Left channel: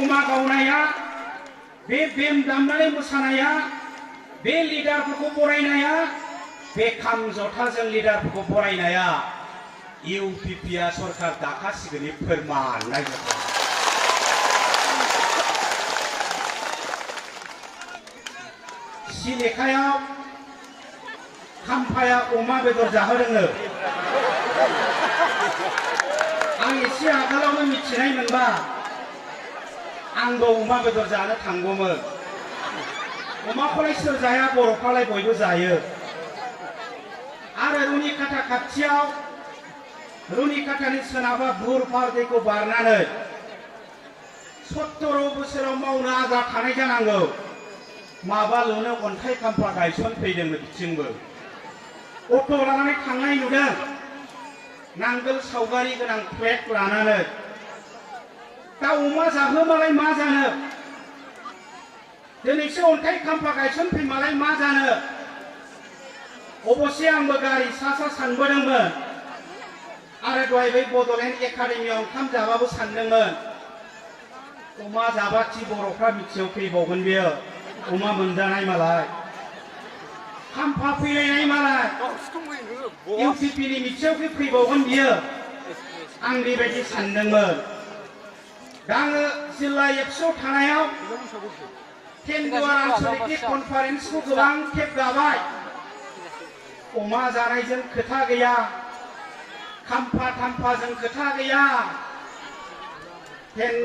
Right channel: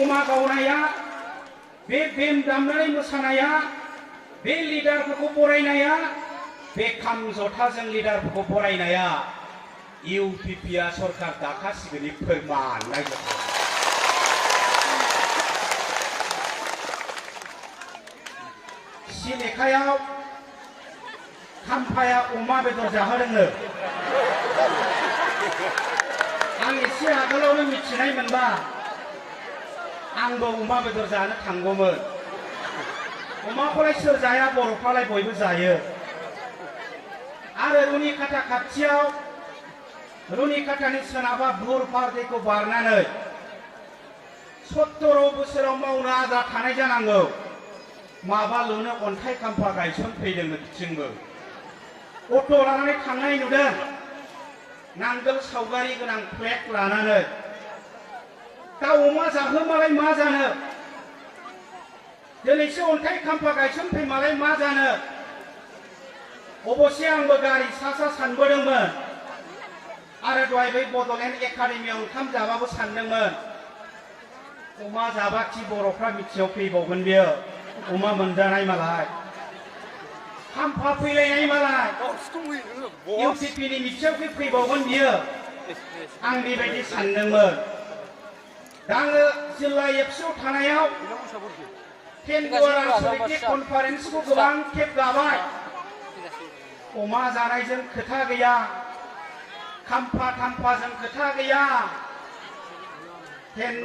अमा गावनाया बे बेम दामनानै मोसानाया बे लिडारफोरखौ बरायनाया बे खाम जथाजों लिडारफोरखौ बरायनाया इउपिपिआ सरकार दाखासिगोननि फोरमान नायजोबो सिलेखायाव खाम्फाया अमा बेदर जाहोदोंनो आं एसे आगोलावनो मिथिनाय मोनबा आंबो अमा बेदर जानो थांगौमोन अमाखौलाय सोर जाया बर'फ्रालाय बयबो जायो आरो रुनिकाटा खाथियाव रुनिकाटानि सोनाबा बुरपार दैखौ बारनानै 70 बोसोराव मावनो आद्रा थानाय जानांगौ माबाल'नो अन्थाइ खाम्फा गायसनफैदों बिथिंबो अट' लानानै थांनाय नुदों नांगोल सावगारि गोनां फ्लेग लानानै दा अमा जाहोमालाय मा जानो दिनैसो अन्थाइ खाम्फा गायसनफैमालाय मा जानो अबसे आंबो गारि सा सानबोदोंमोन आरो दहाय बै बड'लेण्ड एकाडेमियाव ओंखाम जाबाबो सानदोंमोन अमा जाबाखि बर'फ्रा मिथियाव फैबावगोन बियो अमा मोनजानाय मालाय खाम्फा फैलायनाय मालाय इउपिपिनि मिथियाव फैबावगोन बियो आं बेबायदि सानदोंमोन दा आङो जिल्ला एबसुआव थानायाव दुआर आनसलिक कनफारेन्सखौ गोबां खेब गाबाय अमा जानायजों खोथा गैया खाम्फा थाम्फाजों खोथा गैया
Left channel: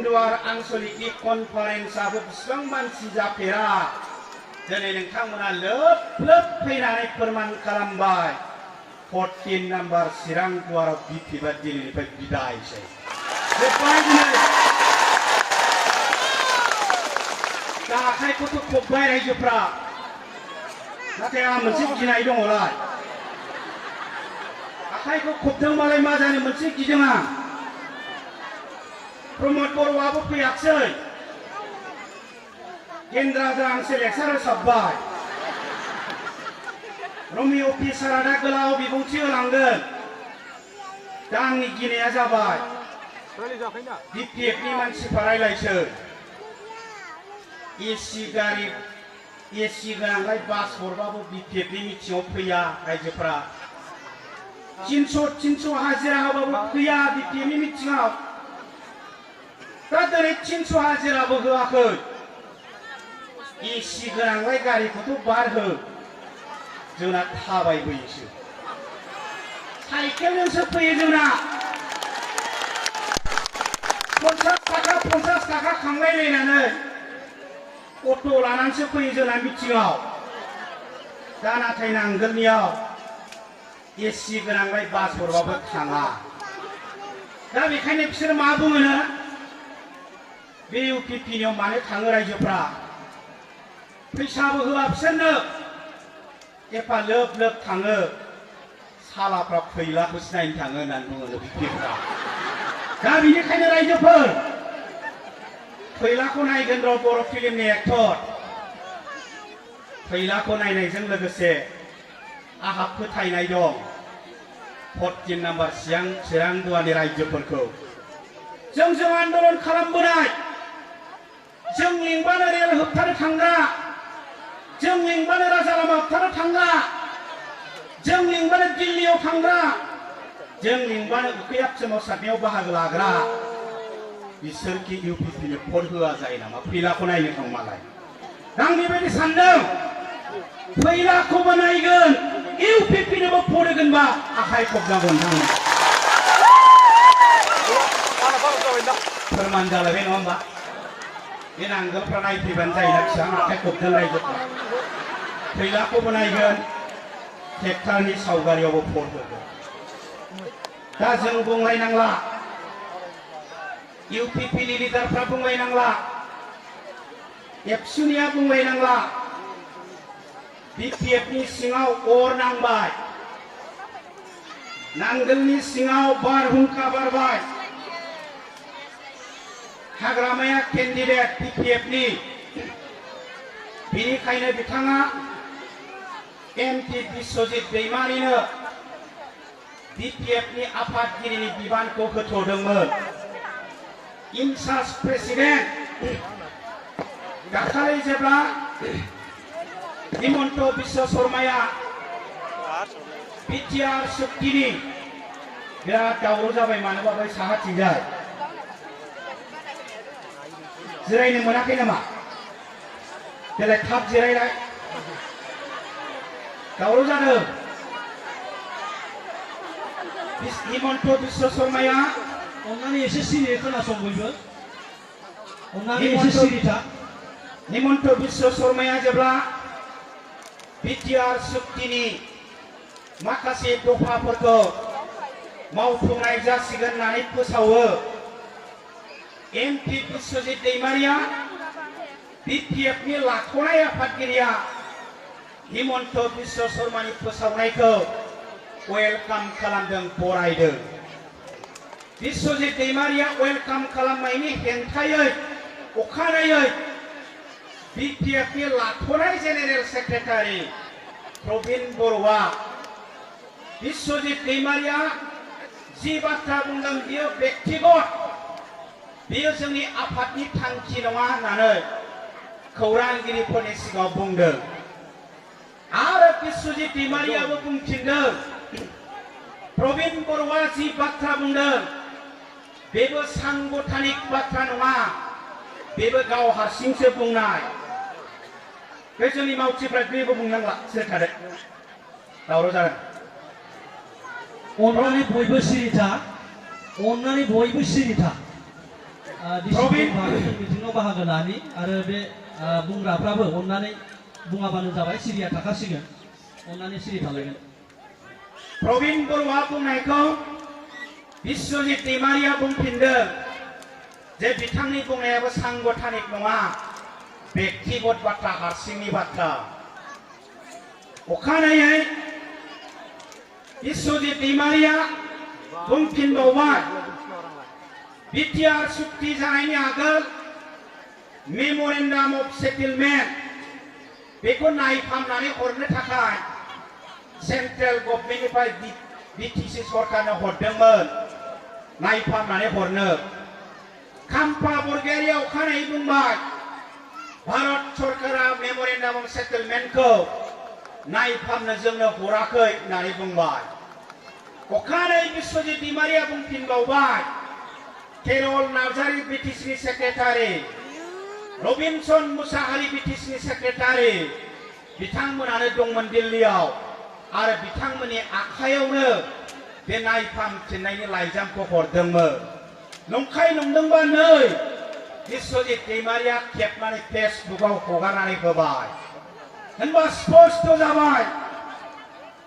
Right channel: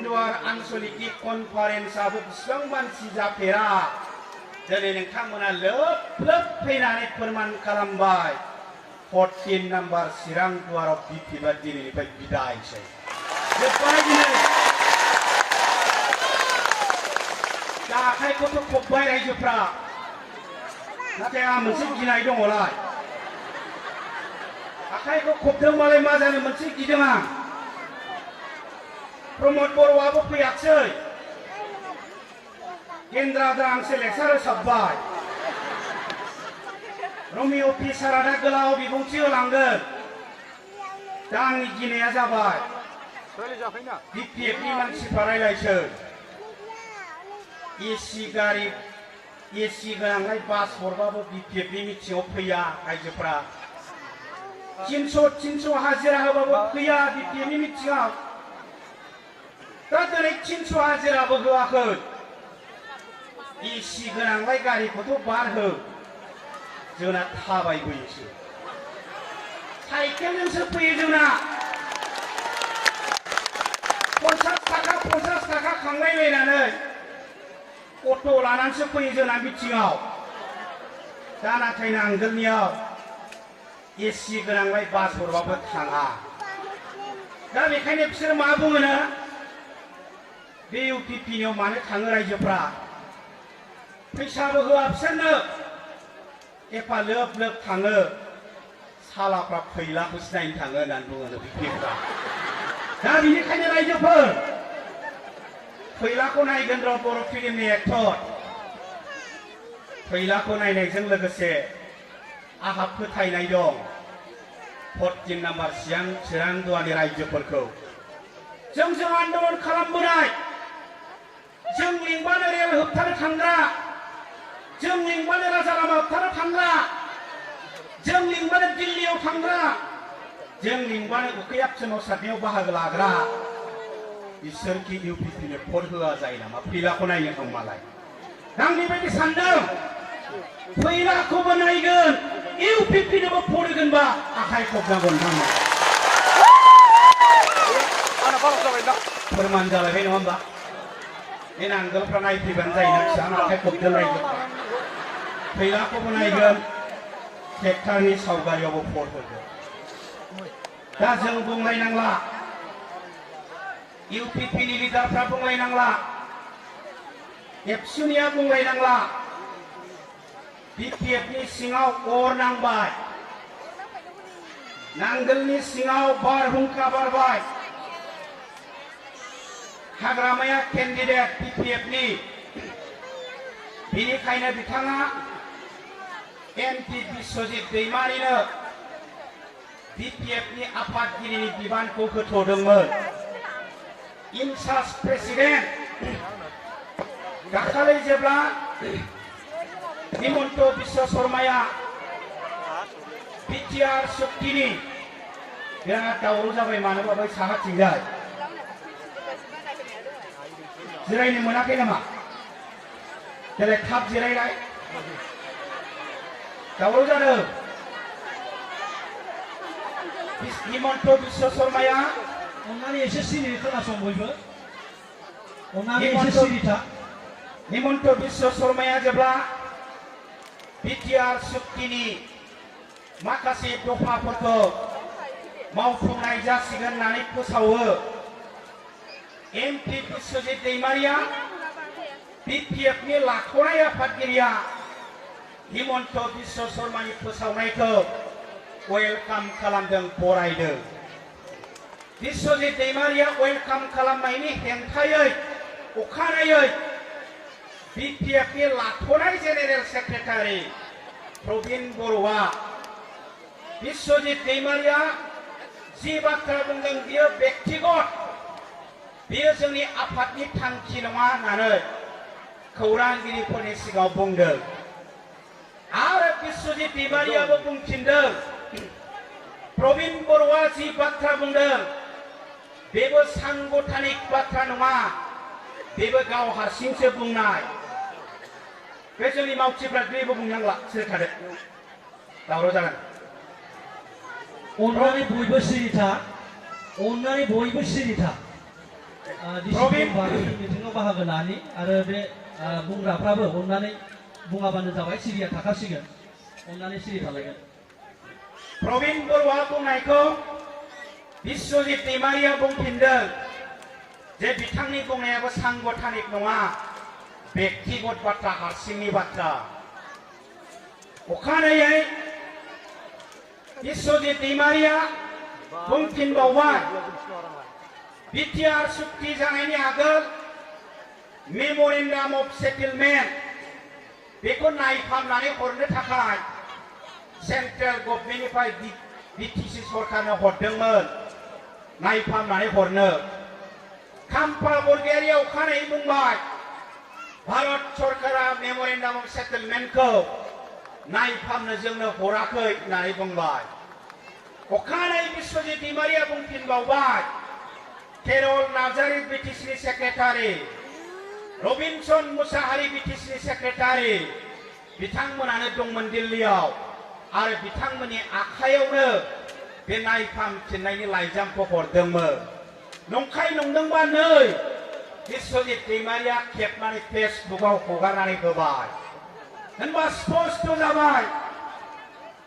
दुआर आनसलिक कनफारेन्सआबो बिसिबां मानसि जाफेरा दिनै नोंथांमोना लोब लोब फैनानै फोरमान खालामबाय 14 नाम्बार चिरां दुआराव बिपिबा दिनैनिफ्राय बिदायसै जोब्बाय दिनै दा आखाइखौथ' खब्बाय रायजोफ्रा नाथाय आंहा मोनसे गिनाय दङलाय आखाइखौ खबदोंबालाय मा जानो मोनसे गिदों आं प्रमद बर'आबो फैयाखसै केन्द्राजों आंसो लेक्सार होसाबबाय रमि अफिसारा दा गोलाव बिबुंथि होलांगोन दा आंनि गिनाया जाबाय बिपिएफनि मानसिफ्रा रायलायसै एसि गारि एसि गोनांलाय बास हरबाबो बिपिएफनि मिथिङाव फैया रायजोफ्रा 300 हाजिरा होबाबो फैया बिपिएफनि मिथिङाव दा दिनै 300 हाजिराबो होआखै एसि गोनांलाय गारिखौथ' बारहो जोंना थाबायबोयोसो साइकेलजोंसो फैयो जोंना 50 थाखा खांलायलायनानै अट' लानानैसो फैयो जोंना मिथिङाव दा नाथाय नांगोलनियाव एसि गोनांलाय बास हरबाबो थाङा दा बेखायनो बिसोर मा बुङोनो बे इउपिपिनियाव मानो थाङो रायजोफ्रा फैसाबो होआ बिसोरनो एफा लोब लोब थाङो सालाफ्रा फैलाखौसो नायनो थाङो होननानै बुङो बिपिएफआ दा बेनिखायनो रायजोफोर फैलाखौ नायगोन र' बर' फिल्मनि एक्टर फैलाखौ नायनायजों लोगोसे आंहा फोथायनाय दं 14 नाम्बार चिरां दुआरनि रायजोफोरखौ जों आन्दलन खालामबोनाय जों लिंबानो रेल होबथानो थांग्रा जों लिंबानो राजा लामा होबथानो थांग्रा जों लिंबानो दिल्लीयाव थांग्रा जों लिंबानो उखैहाब सोमावसारनायाव बाहागो लाग्रा बिसोरखि इउपिपिनो भट होआ जायो नामा फैलाखौ नायनो थांबालाय आं बेबायदि सानदों फैलाखौबो नायगोन इउपिपिनोबो भट होगोनबा आखाइ खबनांगोन फोरमान जालायबाय नङा होमबा बे नांगोलफ्रा नायफैबानो जायोना फिसा आखाइ खबदों रायजोफ्रा फैलाखौबो नायगोन ट्रेक्टरनि सावगारियावबो भट होगोन दा जों बुंलायनांला इउपिपिनि लिडारफ्रा बुंलायनांला एबसुनिया बुंलायनांला बिपिएफनि सिङाव अर नांबाय नांगोलनि सिङाव बारहुंखा बारबाय हाग्रामाया केन्डिडेट बिपिएफनि बेनिखायनो बिथाङा एमपि बिश्वजित दैमारिनो बिपिएफनि आफादगिरिनि बिबानखौ होथ'दोंमोन इनचार्ज प्रेसिडेन्ट दाखालि जेब्ला हिमन्त बिश्व शर्माया बिटिआर सुक्तिनि बिराद दावराव जाबाय मानोबा बै साहाथिंजाय जिरायनो मोनाखै नामा देलाय थाब जिरायलाय दावराव जादों हिमन्त बिश्व शर्माया अन्नानै एसे सिरि खोनासं बयबो अन्नानै एसे सिरि था हिमन्त बिश्व शर्माया जेब्ला बिटिआर सुक्तिनि माखासे दफाफोरखौ मावफुंनाय जासिगोन होननानै फोसावो एमपि बिश्वजित दैमारिया बिपिएफनि लाख'नाय आफादगिरिया हिमन्त बिश्व शर्मानि फोसावनायखौ वेलकाम खालामदों बरायदों बिश्वजित दैमारिया वेलकाम खालामनायनि हेंथायै अखानायै बिपिएफनि लाख'नाय जेनेरेल सेक्रेटारि प्रबिन बर'आ बिश्वजित दैमारिया जि बाथ्रा बुंदों बियो व्यक्तिगत बियो जोंनि आफादनि थांखि नङा होननानै खौरांगिरिफोरनि सिगाङाव बुंदों आरो बिश्वजित दैमारियाबो बुंफिनदों प्रबिन बर'आ जि बाथ्रा बुंदों बेबो सांगठनिक बाथ्रा नङा बेबो गाव हारसिंसो बुंनाय बे जोंनि मावथिफ्रा बेबो बुंनांला सोर थादों दावराव जागोन अन्नानै बयबो सिरि था अन्नानै बयबो सिरि था डिसिप्लिन मिटिङाव बाहागो लानि आरो बे बुंग्राफ्राबो अन्नानै बुङाबानो जाबाय सिरिया थाखासिगोन अन्नानै सिरि थालायगोन प्रबिन बर'आ बुंनायखौ बिश्वजित दैमारिया बुंफिनदों जे बिथांनि बुंनायाबो सांगठनिक नङा व्यक्तिगत बाथ्रा हारसिंनि बाथ्रा अखानायै बिश्वजित दैमारिया बुंफिनबावबाय बिटिआर सुक्ति जानायनि आगोल मेम'रेन्डाम अफ सेटेलमेन्ट बेखौ नायफामनानै हरनो थाखाय सेन्ट्रेल गभर्नमेन्टनिफ्राय बिटिसि सरकारनो हरदोंमोन नायफामनानै हरनो खाम्फा बरगयारिया अखानायै बुंबाय भारत सरकारा मेम'रेन्डाम अफ सेटेलमेन्टखौ नायफामनो जोंनो हराखै होननानै बुंबाय अखानायै बिश्वजित दैमारिया बुंफिनबावबाय केरल नार्जारि बिटिसिनि सेक्रेटारि रबिनसन मुसाहारि बिटिसिनि सेक्रेटारि बिथांमोनानो दंमोन दिल्लीयाव आरो बिथांमोननि आखायावनो बे नायफामफिननायनि लाइजामखौ हरदोंमोन नंखाय नंदोंबा नै बिश्वजित दैमारिया खेबनानै फेसबुकआव हगारनानै होबाय होनबा स्पष्ट जाबाय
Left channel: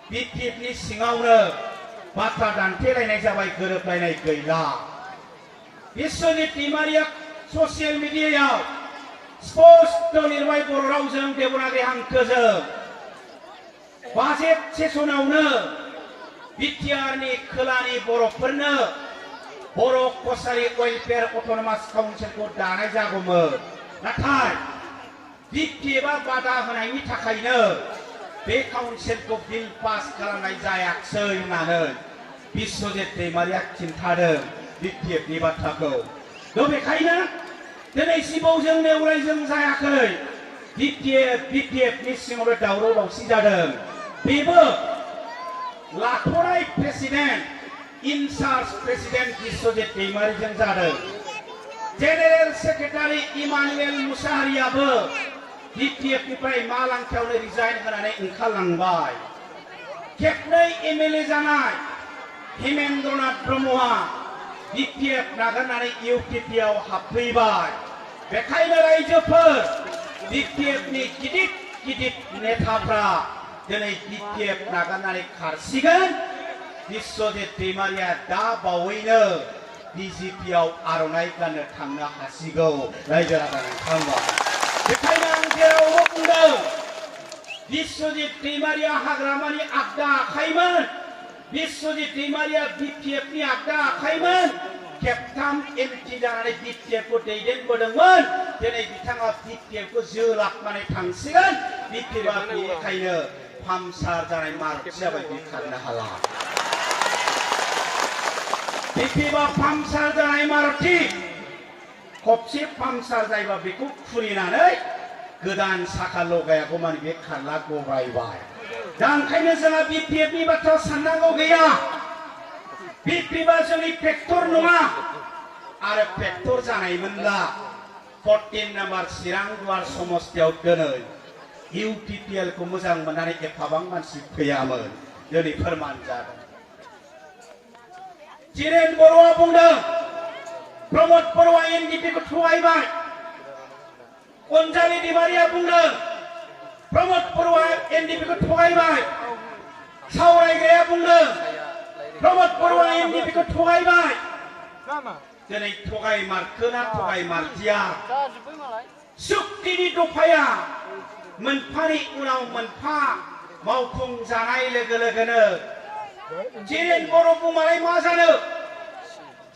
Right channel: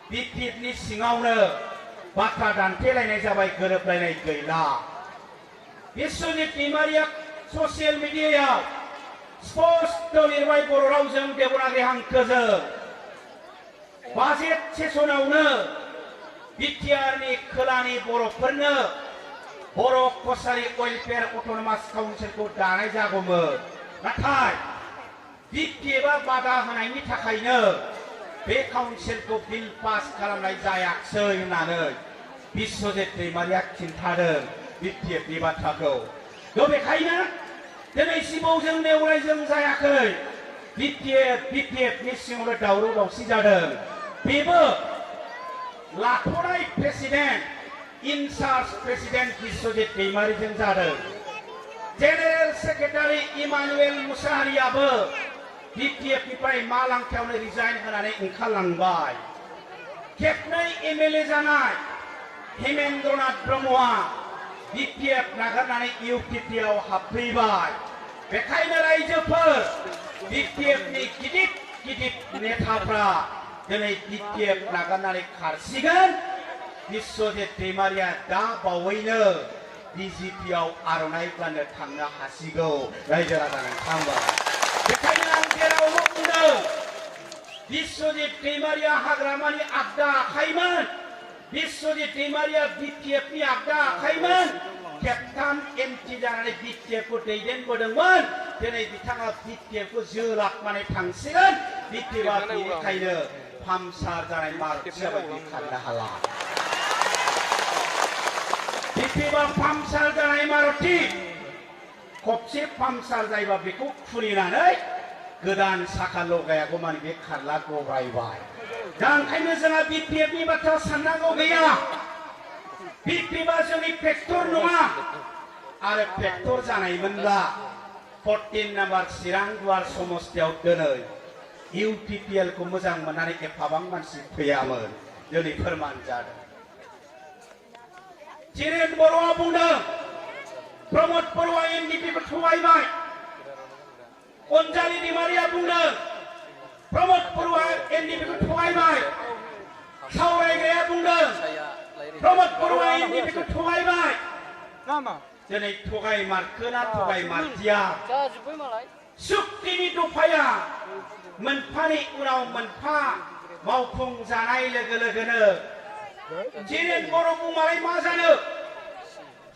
बिपिएफनि सिङावनो बाथ्रा दान्थेलायनाय जाबाय गोरोबलायनाय गैला बिश्वजित दैमारिया ससियेल मिडियायाव स्पष्ट लिरबाय बर' रावजों देबनागरि हांखोजों बाजेट सेसनावनो बिटिआरनि खोलानि बर'फोरनो बर' कसारि वेलफेयार अट'नमास काउन्सिलखौ दानाय जागौमोन नाथाय बिपिएफआ बादा होनायनि थाखायनो बे काउन्सिलखौ बिल पास खालामनाय जायाखिसै होननानै बिश्वजित दैमारिया खिन्थादों बिपिएफनि बाथ्राखौ बेखायनो दिनैसिमाव जों नेवलायजों जायाखै बिपिएफनि सिङावनो दावराव दावसि जादों बेबो लाख'नाय प्रेसिडेन्ट इनचार्ज प्रेसिडेन्ट बिश्वजित दैमारिजों जादों जेनेरेल सेक्रेटारि इमानुएल मुसाहारियाबो बिपिएफनिफ्राय मालांखायावनो रिजाइन होनानै ओंखारलांबाय खेबनै एमएलए जानाय हेमेन्द्रनाथ ब्रह्मआ बिपिएफ नागारनानै इउपिपिआव हाबफैबाय बेखायनो रायजोफोर बिपिएफनि गिदिर गिदिर नेताफ्रा दिनै बिपिएफ नागारनानै खारसिगोन बिश्वजित दैमारिया दा बावैनो बिजेपिआव आर'नाइ गाननो थांनो हासिगौ रायजो राजा नोंथांमोन बेखायनो आं जेरावबो बुंदों बिश्वजित दैमारिया हाग्रामानि आगदा आखाइमोन बिश्वजित दैमारिया बिपिएफनि आगदा आखाइमोन खेबथाम एमपि जानानै बिपिएफखौ दैदेनबोदोंमोन दिनै बिथाङा बिपिएफखौ जोलाबनानै थांसिगोन बिपिएफआ बेनिखायनो फामसार जानाय मारुति जाबाय बे खारनो हाला बिपिएफआ फामसार जानाय मारुति खबसे पामसार जायोबा बेखौ खुलिनानै गोदान साखा लगायागौ मानि बे खारला गब्रायबाय दा ओंखायनो जोंहा बिपिएफनि बाथ्रा साननांगौ गैया बिपिएफआ जोंनि फेक्टर नङा आरो फेक्टर जानायमोनब्ला 14 नाम्बार चिरां दुवार समस्थियाव दिनै इउपिपिएल को मोजां मोननानै एफाबां मानसि फैयामोन दिनै फोरमान जादों चिरेन बर'आ बुंदों प्रमद बर'आ एनडिपि को थगायबाय अनजालि दैमारिया बुंदों प्रमद बर'आ एनडिपि को थगायबाय सावरायग्राया बुंदों प्रमद बर'आ एनडिपि को थगायबाय दिनै थगायमारखोना थगायमारदिया सुक्तिनि दफाया मोनफानि उनाव मोनफा मावफुं जानाय लोगो लोगोनो चिरेन बर' बुंमालाय मा जानो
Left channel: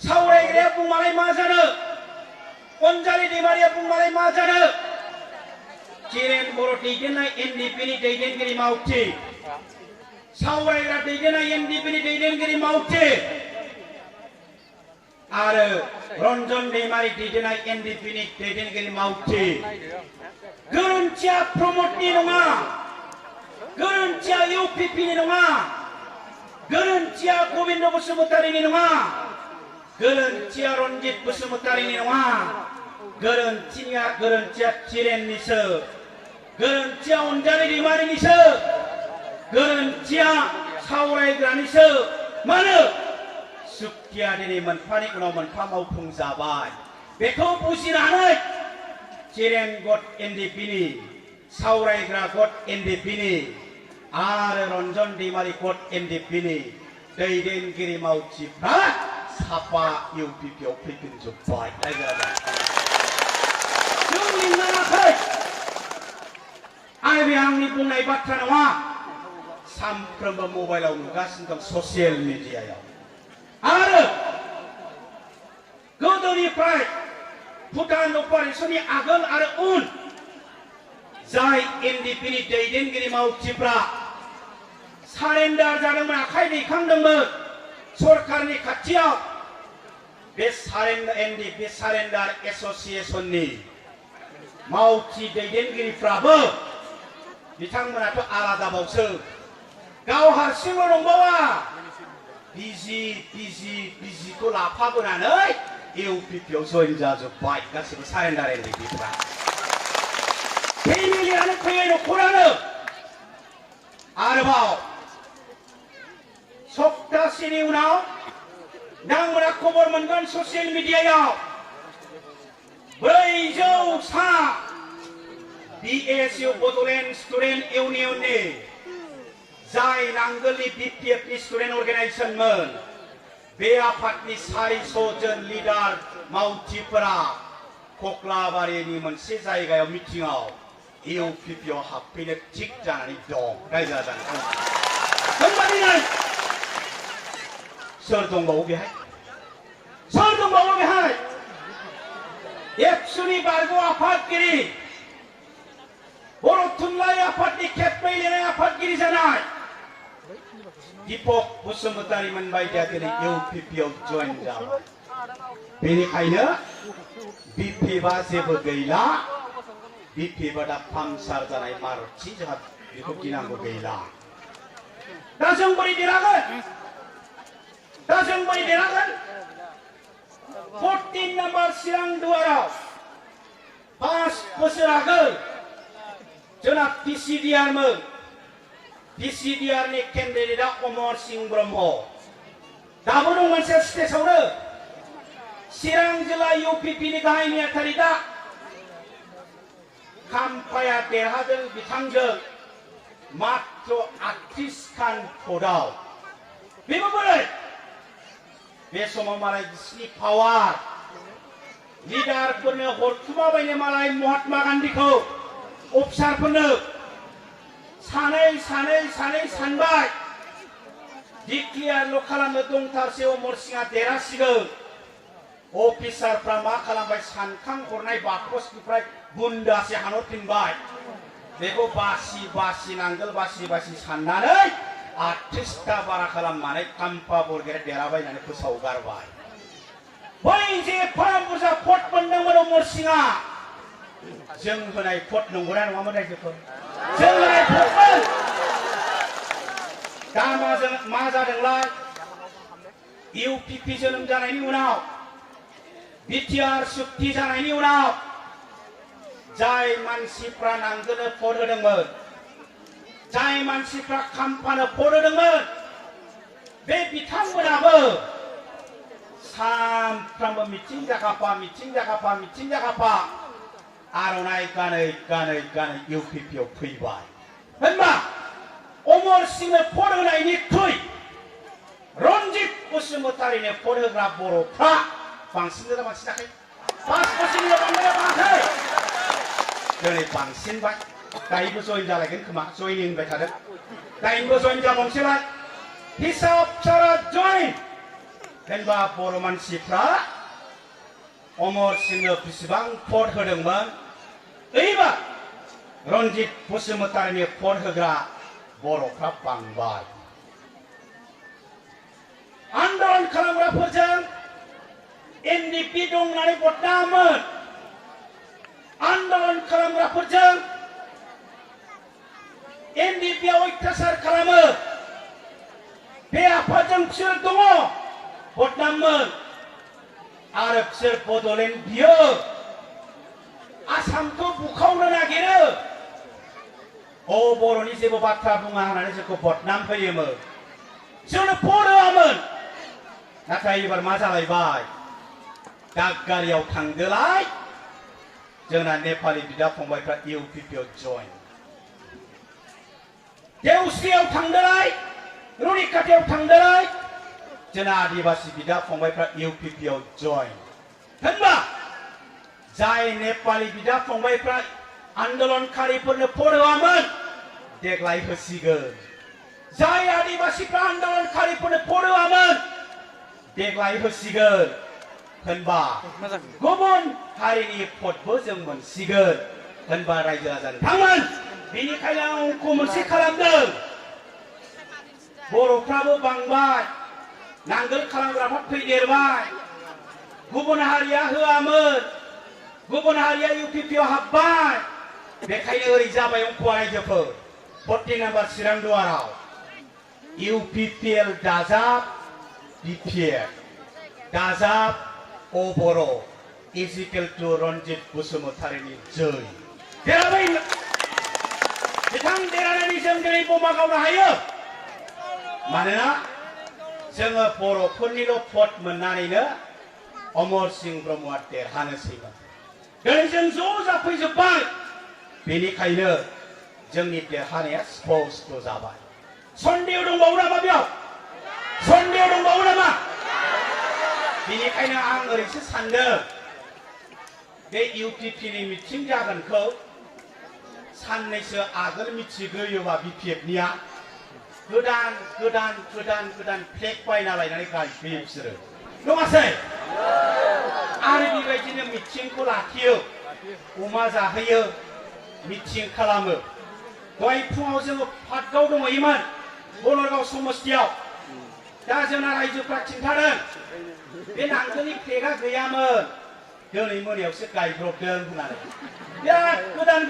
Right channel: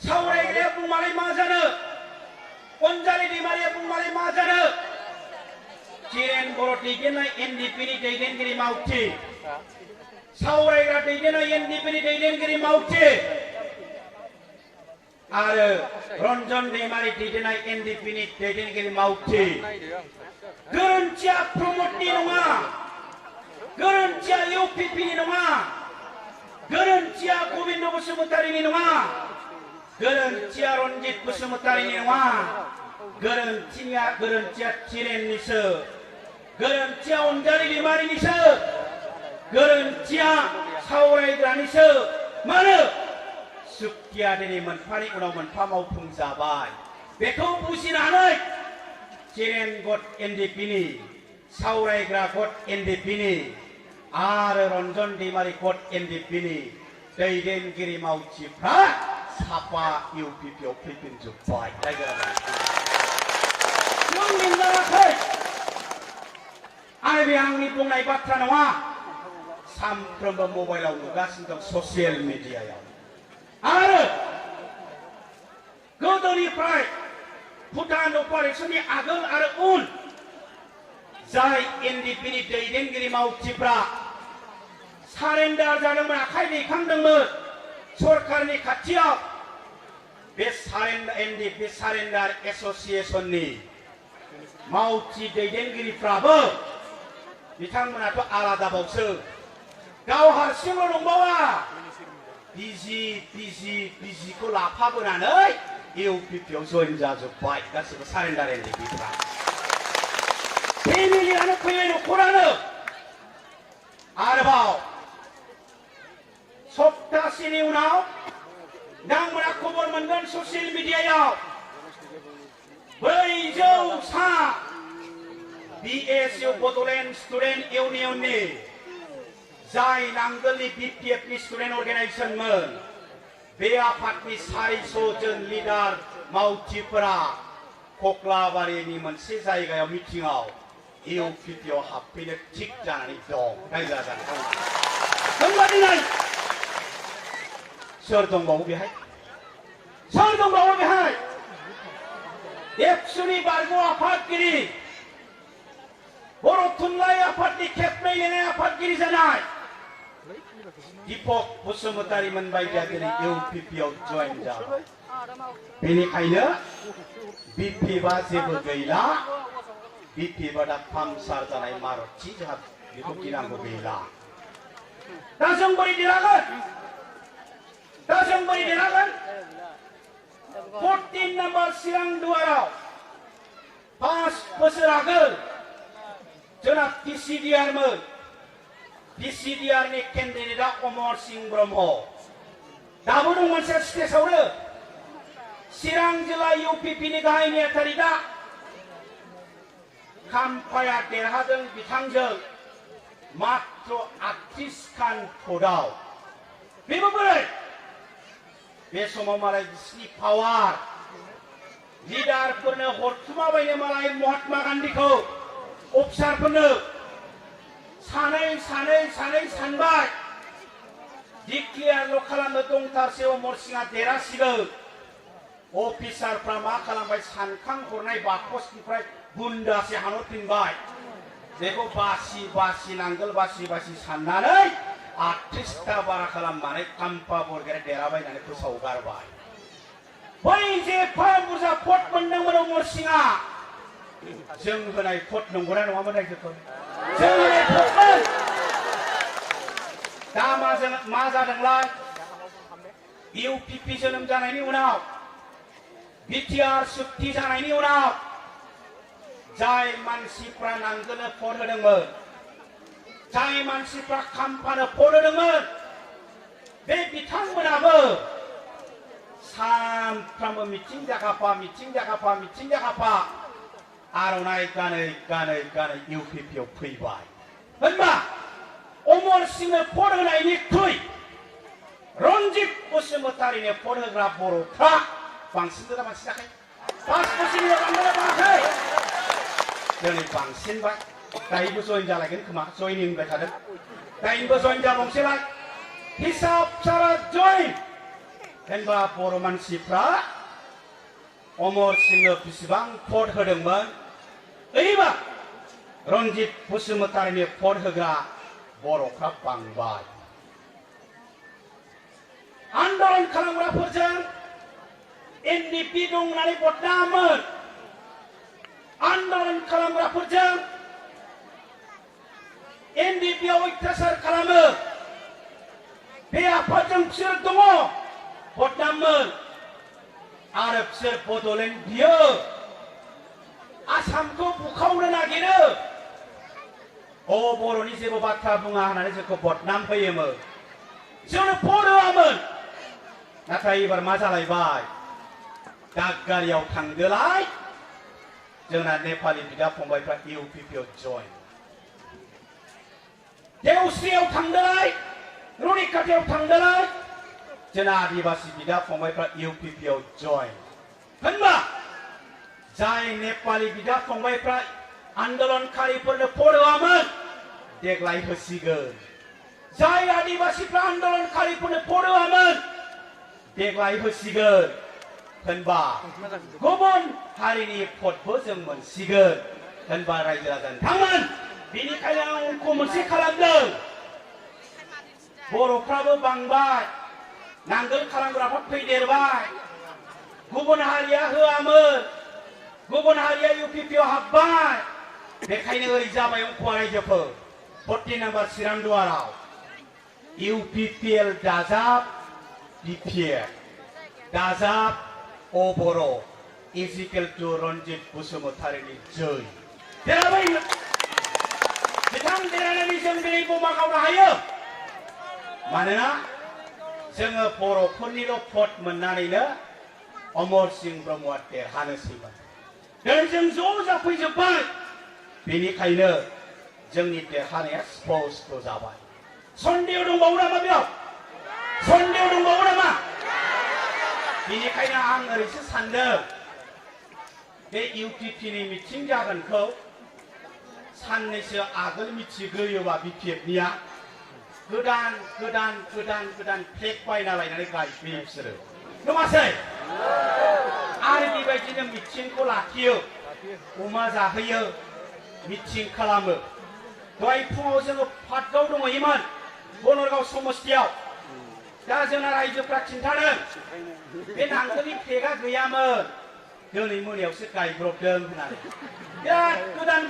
सावरायग्राया बुंमालाय मा जानो अनजालि दैमारिया बुंमालाय मा जानो चिरेन बर' दैदेननाय एनडिपिनि दैदेनगिरि मावथि सावरायग्रा दैदेननाय एनडिपिनि दैदेनगिरि मावथि आरो रन्जन दैमारि दैदेननाय एनडिपिनि दैदेनगिरि मावथि गोरोन्थिया प्रमदनि नङा गोरोन्थिया इउपिपिनि नङा गोरोन्थिया गबिन्द बसुमतारिनि नङा गोरोन्थिया रन्जित बसुमतारिनि नङा गोरोन्थिया चिरेननिसो गोरोन्थिया अनजालि दैमारिनिसो गोरोन्थिया सावरायग्रानिसो मानो सुक्तिया दिनै मोनफानि उनाव मोनफा मावफुं जाबाय बेखौ बुजिनानै चिरेन गट एनडिपिनि सावरायग्रा गट एनडिपिनि आरो रन्जन दैमारि गट एनडिपिनि दैदेनगिरि मावथिफ्रा साफा इउपिपिआव फैफिनजोब्बाय रायजो राजा जों लिंनाङाखै आरो बे आंनि बुंनाय बाथ्रा नङा सानफ्रोमबो मबाइलाव नुगासिनो दं ससियेल मिडियायाव आरो गोदोनिफ्राय भुटान अपारेशननि आगोल आरो उन जाय एनडिपिनि दैदेनगिरि मावथिफ्रा सारेन्डार जादोंमोन आखाइ दैखांदोंमोन सरकारनि खाथियाव बे एनडिपि सारेन्डार एसोसिएशननि मावथि दैदेनगिरिफ्राबो बिथांमोनाथ' आलादाबावसो गाव हारसिंल' दंबावा बिजिखौ लाफाबोनानै इउपिपिआव जइन जाजोब्बाय गासिबो सारेन्डार एनडिपिफ्रा फेमिलियानो फैनाय न'खरानो आरोबाव सप्तासेनि उनाव नोंथांमोना खबर मोनगोन ससियेल मिडियायाव 400 बिएसइउ बड'लेण्ड स्टुडेन्ट इउनियननि जाय नांगोलनि बिपिएफनि स्टुडेन्ट अर्गानाइजेशनमोन बे आफादनि 400 जन लिडार मावथिफोरा कक्लाबारिनि मोनसे जायगायाव मिटिंआव इउपिपिआव हाबफैनो थिग जानानै दं रायजो राजानो सोर दंबावो बेहाय सोर दंबावो बेहाय एबसुनि बारग' आफादगिरि बर' थुनलाइ आफादनि खेबनै लिरनाय आफादगिरि जानाय दीपक बसुमतारिमोन बायदिया दिनै इउपिपिआव जइन जाबाय बेनिखायनो बिपिएफआ जेबो गैला बिपिएफआ दा पामसार जानाय मारुति जोंहा बेखौ गिनांगौ गैला दा जों बोरै देरहागोन 14 नाम्बार चिरां दुवाराव 5 बोसोर आगोल जोंना पिसिडिआरमोन पिसिडिआरनि केन्डिडेटआ अमर सिंह ब्रह्म दाबो दं मोनसे स्टेजआवनो चिरां जिल्ला इउपिपिनि गाहाय नेहाथारि दा खाम्फाया देरहादों बिथांजों मात्र 38 खान भटआव बेबो बोरै बे समाव मालाय बिसिनि पावार लिडारफोरनो हरखुमाबायनो मालाय महात्मा गान्धीखौ अफिसारफोरनो सानै सानबाय डिक्लियारल' खालामनो दंथारसै अमर सिंहआ देरहासिगोन अफिसारफ्रा मा खालामबाय सानखां हरनाय बाकसनिफ्राय बुन्दासे हानहरफिनबाय बेखौ बासि नांगोल बासि साननानै 38 बारा खालामनानै काम्पा बरगेट देराबाय होननानै फोसावगारबाय बै जे एफा बुरजा भट मोनदोंमोन अमर सिंहआ जों होनाय भट नंगौना नङामोन रायजोफोर जों होनाय भटमोन दा मा जादोंलाय इउपिपि जोनोम जानायनि उनाव बिटिआर सुक्ति जानायनि उनाव जाय मानसिफ्रा नांगोलनो भट होदोंमोन जाय मानसिफ्रा खाम्फानो भट होदोंमोन बे बिथांमोनाबो सानफ्रामबो मिथिं जागाफा आर'नाइ गानै गानै इउपिपिआव फैबाय होनबा अमर सिंहनो भट होनायनिख्रुइ रन्जित बसुमतारिनो भट होग्रा बर'फ्रा बांसिन जायाखै 5 बोसोरनि बांद्राय दिनै बांसिनबाय दायोबो जइन जालायगोन खोमा जइनिं होनबाय थादों दायोबो जइन जाबावनोसैलाय हिसाब सारा जइन होनबा बर' मानसिफ्रा अमर सिंहनो बेसेबां भट होदोंमोन ओइबार रन्जित बसुमतारिनो भट होग्रा बर'फ्रा बांबाय आन्दोलन खालामग्राफोरजों एनडिपि दं होननानै बदनाममोन आन्दोलन खालामग्राफोरजों एनडिपिआव अत्याचार खालामो बे आफादजों बिसोर दङ बदनाममोन आरो बिसोर बड'लेण्ड बियो आसामखौ बुखावनो नागिरो बर'नि जेबो बाथ्रा बुङा होननानै जोंखौ बदनाम होयोमोन जोंनो भट होआमोन नाथाय एबार मा जालायबाय दागगारियाव थांदोलाय जोंना नेपाली बिदा फंबायफ्रा इउपिपिआव जइन देवस्रियाव थांदोलाय रुनिकाटियाव थांदोलाय जोंना आदिबासी बिदा फंबायफ्रा इउपिपिआव जइन होनबा जाय नेपाली बिदा फंबायफ्रा आन्दोलनकारिफोरनो भट होआमोन देग्लाय होसिगोन जाय आदिबासीफ्रा आन्दोलनकारिफोरनो भट होआमोन देग्लाय होसिगोन होनबा गुबुन हारिनि भटबो जों मोनसिगोन होनबा रायजो राजा नोंथांमोन बेनिखायनो आं अंक मोनसे खालामदों बर'फ्राबो बांबाय नांगोल खालामग्राफ्रा फैदेरबाय गुबुन हारिया होआमोन गुबुन हारिया इउपिपिआव हाबबाय बेखायनो ओरै जाबाय अंकआ रायजोफोर 40 नाम्बार चिरां दुवाराव इउपिपिएल दाजाब बिपिएफ दाजाब बरो इजिकेल टु रन्जित बसुमतारिनि जै देरहाबाय बिथां देरहानानै जों दिनै बमा गावनो हायो मानोना जोङो बर'फोरनिल' भट मोननानैनो अमर सिंह ब्रह्मआ देरहानोसैमोन दिनै जों ज' जाफैजोब्बाय बेनिखायनो जोंनि देरहानाया स्पष्ट जाबाय सन्देह दंबावो नामा बेयाव सन्देह दंबावो नामा बेनिखायनो आं ओरैसो सानदों बे इउपिपिनि मिथिं जागोनखौ साननैसो आगोल मिथिग्रोयोबा बिपिएफनिया गोदान फ्लेग बायना लायनानै गायफैयो बिसोरो नङासै आरो बेबायदिनो मिथिंखौ लाखियो अमा जाहोयो मिथिं खालामो दहाय फुङाव जोङो पार्कआव दंहैयोमोन बनरगाव समस्तियाव दा जोंना रायजोफ्रा खिन्थादों बे नांगोलनि फ्लेगआ गैयामोन दिनै मोनायावसो गायब्रबदों होननानै बिराद गोदान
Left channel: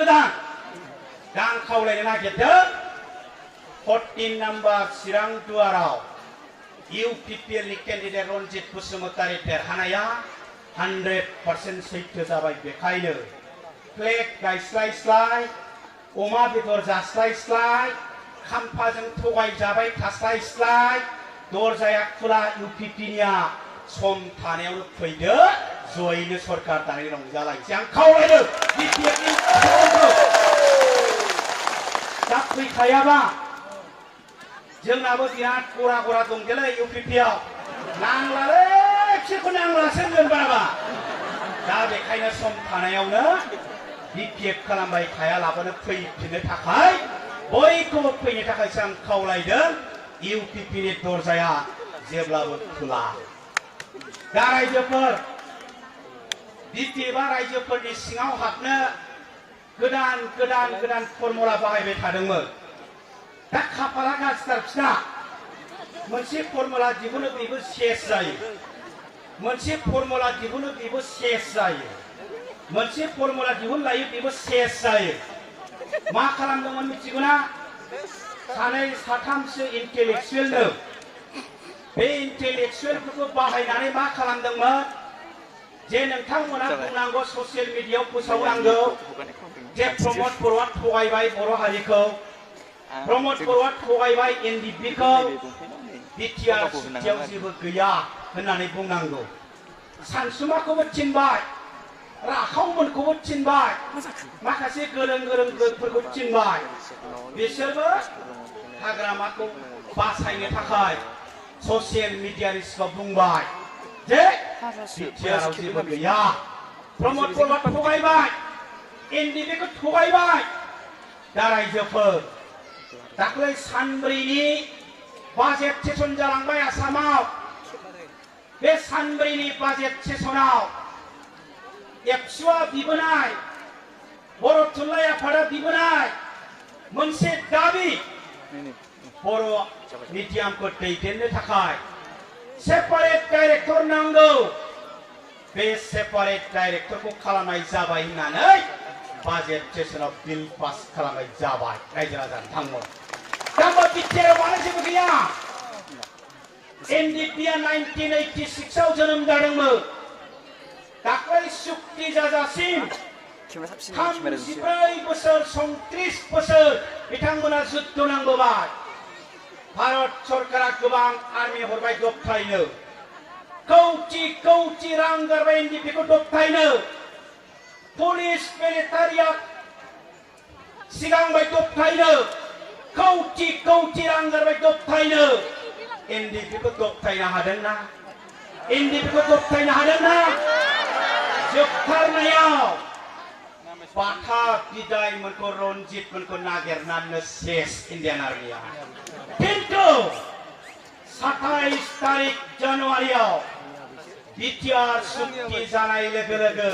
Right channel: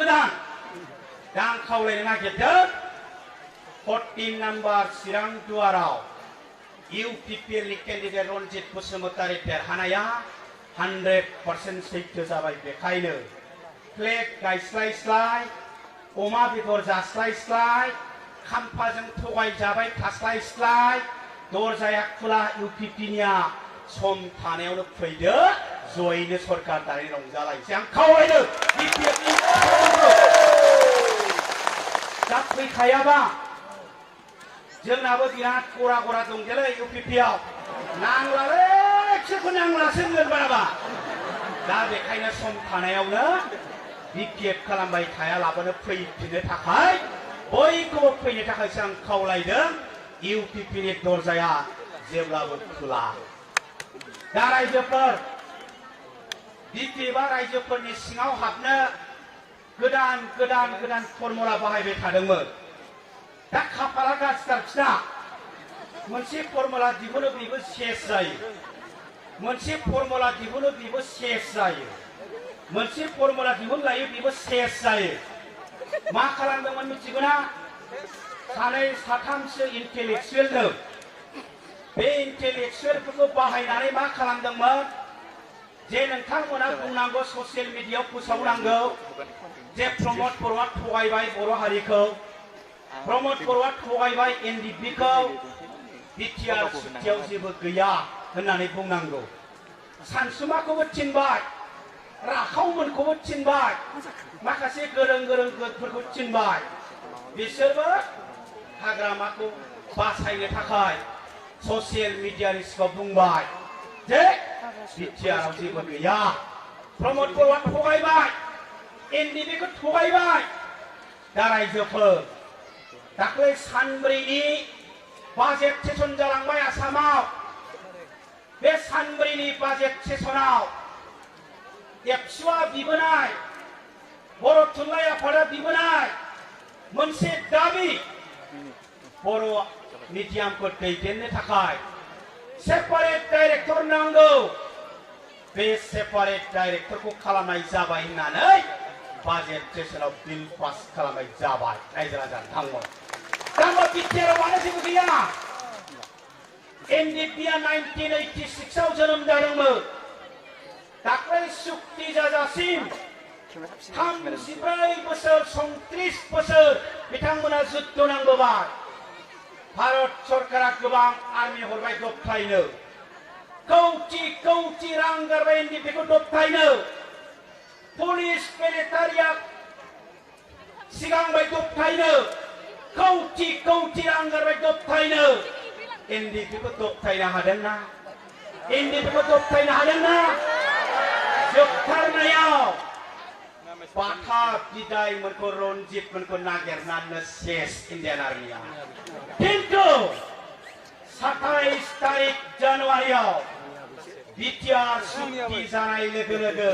दा आं खावलायनो नागिरदों 14 नाम्बार चिरां दुवाराव इउपिपिएलनि केन्डिडेट रन्जित बसुमतारि देरहानाया 100% सैथो जाबाय बेखायनो फ्लेग गायस्लायस्लाय अमा बेदर जास्लायस्लाय खाम्फाजों थगायजाबाय थास्लायस्लाय दरजाया खुला इउपिपिनिया सम थानायावनो फैदो जयैनो सरकार दानि रंजालायसै आं खावलायनो बिपिएफनि दा फैखायाबा जोंनाबो बिराद गरा दंजोलै इउपिपिआव नांलालै बिसोरखौ नांलासो होनगोन बाराबा दा बेखायनो सम थानायावनो बिपिएफ खालामबाय थायालाबानो फैफिननो थाखाय बयखौबो फैनो थाखायसो आं खावलायदों इउपिपिनि दरजाया जेब्लाबो खुला दा रायजोफोर बिपिएफआ रायजोफोरनि सिङाव हाबनो गोदान फर्मुला बाहायबाय थादोंमोन दा खाफाला गाज्रिथार बिसिना मोनसे फर्मुला दिहुनो बेबो सेस जायो मोनसे फर्मुला दिहुनो बेबो सेस जायो मोनसे फर्मुला दिहुनलायो बेबो सेस जायो मा खालामदोंमोन मिथिगौना सानै साथामसो इन्टेलेक्सुवेलनो बे इन्टेलेक्सुवेलफोरखौ बाहायनानै मा खालामदोंमोन जे नोंथांमोना बुंनांगौ ससियेल मिडियायाव फोसावनांगौ जे प्रमद बर'आ थगायबाय बर' हारिखौ प्रमद बर'आ थगायबाय एनडिपिखौ बिटिआर सुक्तियाव जेबो गैया होननानै बुंनांगौ सानसुमाखौबो थिनबाय राखावमोनखौबो थिनबाय माखासे गोरों गोरोंफोरखौ थिनबाय बिसोरबो हाग्रामाखौ बासायनो थाखाय ससियेल मिडियानि सिगाङाव बुंबाय जे बिटिआरआव जेबो गैया प्रमद बर'आ थगायबाय एनडिपिखौ थगायबाय दा रायजोफोर दाख्लै सानब्रैनि बाजेट सेसन जालांबाय आसामाव बे सानब्रैनि बाजेट सेसनाव एबसुआ बिबोनाय बर' थुनलाइ आफादा बिबोनाय मोनसे दाबि बर' मिडियामखौ दैदेननो थाखाय सेपारेट डाइरेक्टर नांगौ बे सेपारेट डाइरेक्टरखौ खालामनाय जाबाय होननानै बाजेट सेसनाव बिल पास खालामनाय जाबाय रायजो राजा नोंथांमोन दा बिटिआरआव मानो जेबो गैया एनडिपिआ 1986 आव जोनोम जादोंमोन दाख्लै सुक्ति जाजासिम 34 बोसोर 34 बोसोर बिथांमोना जुद्ध नांबोबाय भारत सरकारा गोबां आर्मि हरबाय दबथायनो कौटि रां गारबाय एनडिपिखौ दबथायनो पुलिस मिलिटारिया सिगांबाय दबथायनो कौटि रां गारबाय दबथायनो एनडिपिखौ दबथायनो हादोंना एनडिपिखौ दबथायनो हादोंना जोबथारनायाव बाथा बिदायमोनखौ रनजितमोनखौ नागिरनानै सेस इन्डियान आर्मिया किन्तु 27 तारिख जानुवारियाव बिटिआर सुक्ति जानाय लोगो लोगो